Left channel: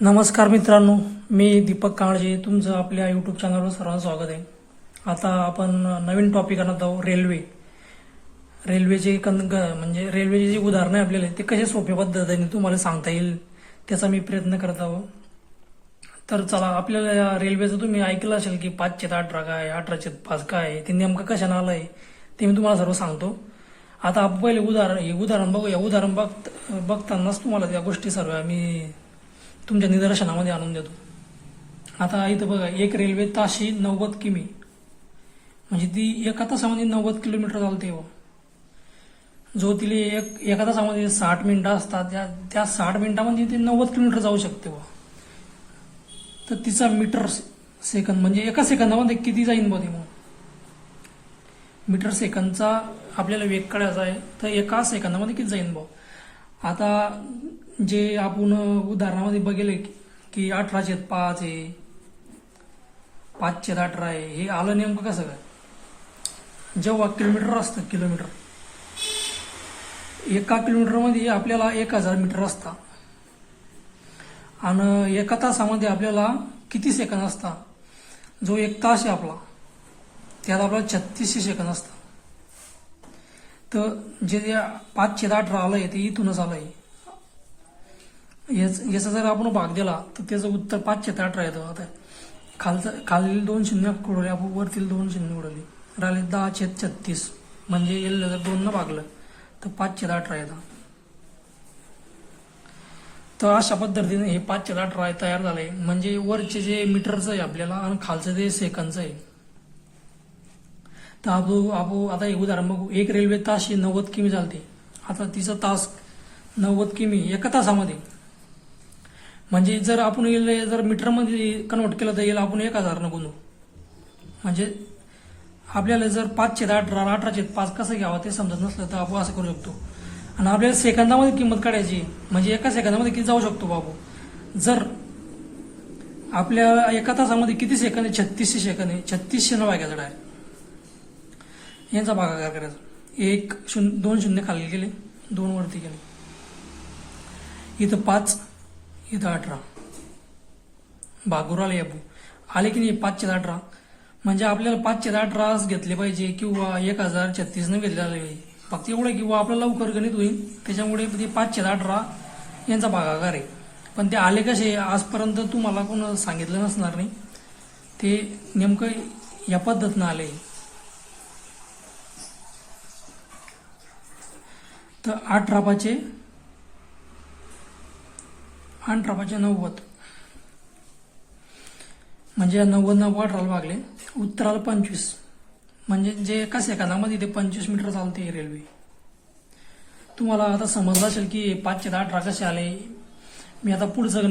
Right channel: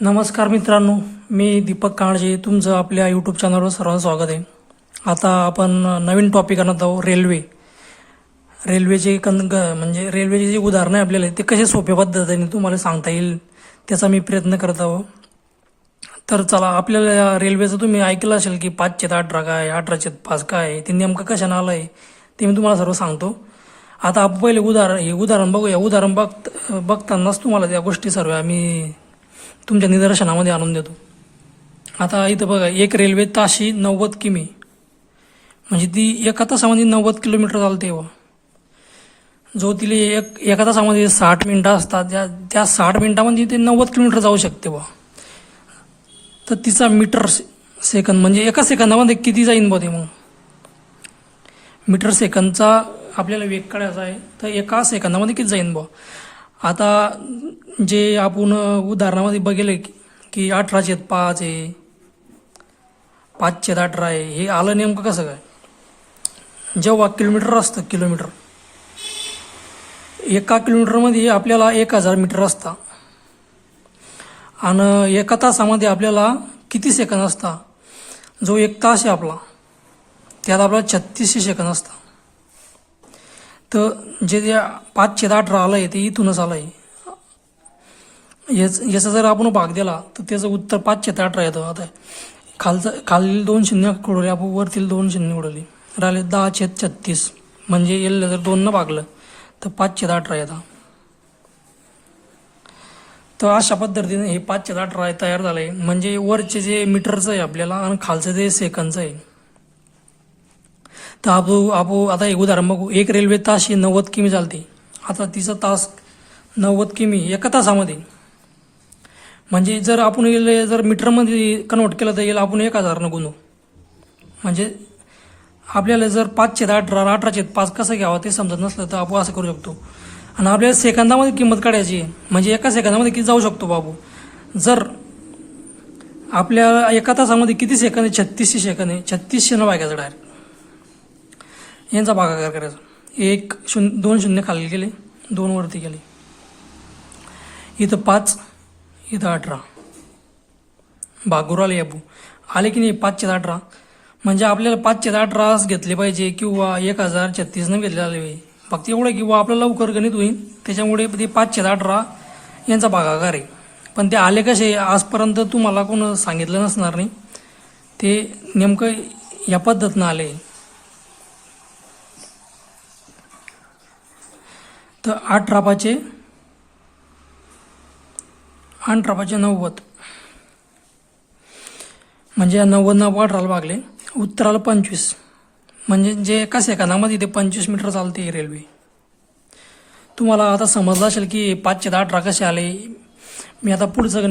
नमस्कार मित्रांनो, मी दीपक काळजे. तुमचं आपल्या यूट्यूब चॅनलवर सर्वांचं स्वागत आहे. आता आपण नवीन टॉपिक आणत आहोत, रेल्वेचे म्हणजे रेल्वेचे जे उदाहरणं आहे आपल्याला ते कसे सोप्या पद्धतीने तुम्हाला सांगता येईल त्याचा मी प्रयत्न करत आहो. तर चला, आपल्याला रेल्वेचं तुम्ही ऐकलं असेल की 5/18 काय, 18/5 काय, ते नेमकं कशानं आलं आहे ते मी तुम्हाला सर्व सांगतो. आता आपण पहिले उदाहरण बघूया. बघतानाच तुम्हाला त्या गोष्टी सर्व आम्ही तुमच्या निदर्शनामध्ये आणून देतो. आता इथं बघा, एक रेल्वे ताशी 90 किमी, म्हणजे ती एका तासामध्ये 90 किलोमीटर चालते. जो तिला एका तासामध्ये 60 मिनिटं असतात, त्या 60 मिनिटामध्ये ते 90 किलोमीटर जाऊ शकते. तर तिचा मीटर सेकंद म्हणजे एका सेकंदामध्ये किती जाईन ते मग मीटर सेकंदचा आपल्याला वेग काढायचा आहे. तर एका सेकंदामध्ये किती जाईन आता जे आपण उदाहरणामध्ये बघेल की 18/5 आहे, 5/18 आहे, हे आलं नेमकं कसं काय. जेव्हा किलोमीटर असतं, एका किलोमीटरमध्ये आपल्याला 1000 मीटर असतं आणि एका तासामध्ये आपल्याला किती सेकंद असता. जो एक तास आहे आपला, त्यात आपल्याला 3600 सेकंद असतात. तर जे 5/18 आलं आहे ते इथूनच आलं आहे. याचा जर आपण भाग दिला तर त्याचं उत्तर 5/18 येतं. आता खालील 2 शून्य उडवले आपण, वरतील 2 शून्य उडवले, राहिले 10/36. म्हणजे याला जर 2 न भागलं तर 5/18 येतं. तर अशा पद्धतीने हे 5/18 तयार झालं आहे. म्हणजे वरचे जे मीटरचं आहे आपल्याला आणि खालचं जे सेकंदचं आहे. तर आपण आता एक उदाहरण बघू. एक रेल्वे ताशी 90 किमी चालते. आता तिचा तास 90 किमी एका तासामध्ये, म्हणजे जर आपण जर मीटरमध्ये कन्वर्ट केलं तर याला आपण 1000 गुणू. म्हणजे आपल्याला जर 5/18 18/5 कसं घ्यावं ते समजत नसलं तर आपण असं करू शकतो. आणि आपल्याला सेकंदामध्ये किंमत काढायची, म्हणजे एका सेकंदामध्ये किती जाऊ शकतो बाबू. जर आपल्या एका तासामध्ये किती सेकंद आहे, 3600 सेकंद आहे. 3600 न भागायचं डायरेक्ट, यांचा भागाकार करायचा. 2 शून्य खाली गेले, 2 वरती गेले, इथं 5, इथं 18, भागूर आले आले की नाही 5/18. म्हणजे आपल्याला 5/18 घेतले पाहिजे किंवा 1036 न घेतले आले पाहिजे. फक्त एवढं किंवा आपल्याला लवकर गणित होईल, त्याच्यामुळे ते 5/18 यांचा भागाकार आहे. पण ते आले कसे आजपर्यंत तुम्हाला कोण सांगितलं नसणार नाही. ते नेमकं या पद्धतीनं आले. तर 18/5 90, म्हणजे 90 18 भागले, उत्तराला 25. म्हणजे जे एका सेकंदामध्ये ते 25 मीटर चालते रेल्वे. तुम्हाला आता समजलं असेल की 5/18 कसे आले. मी आता पुढचं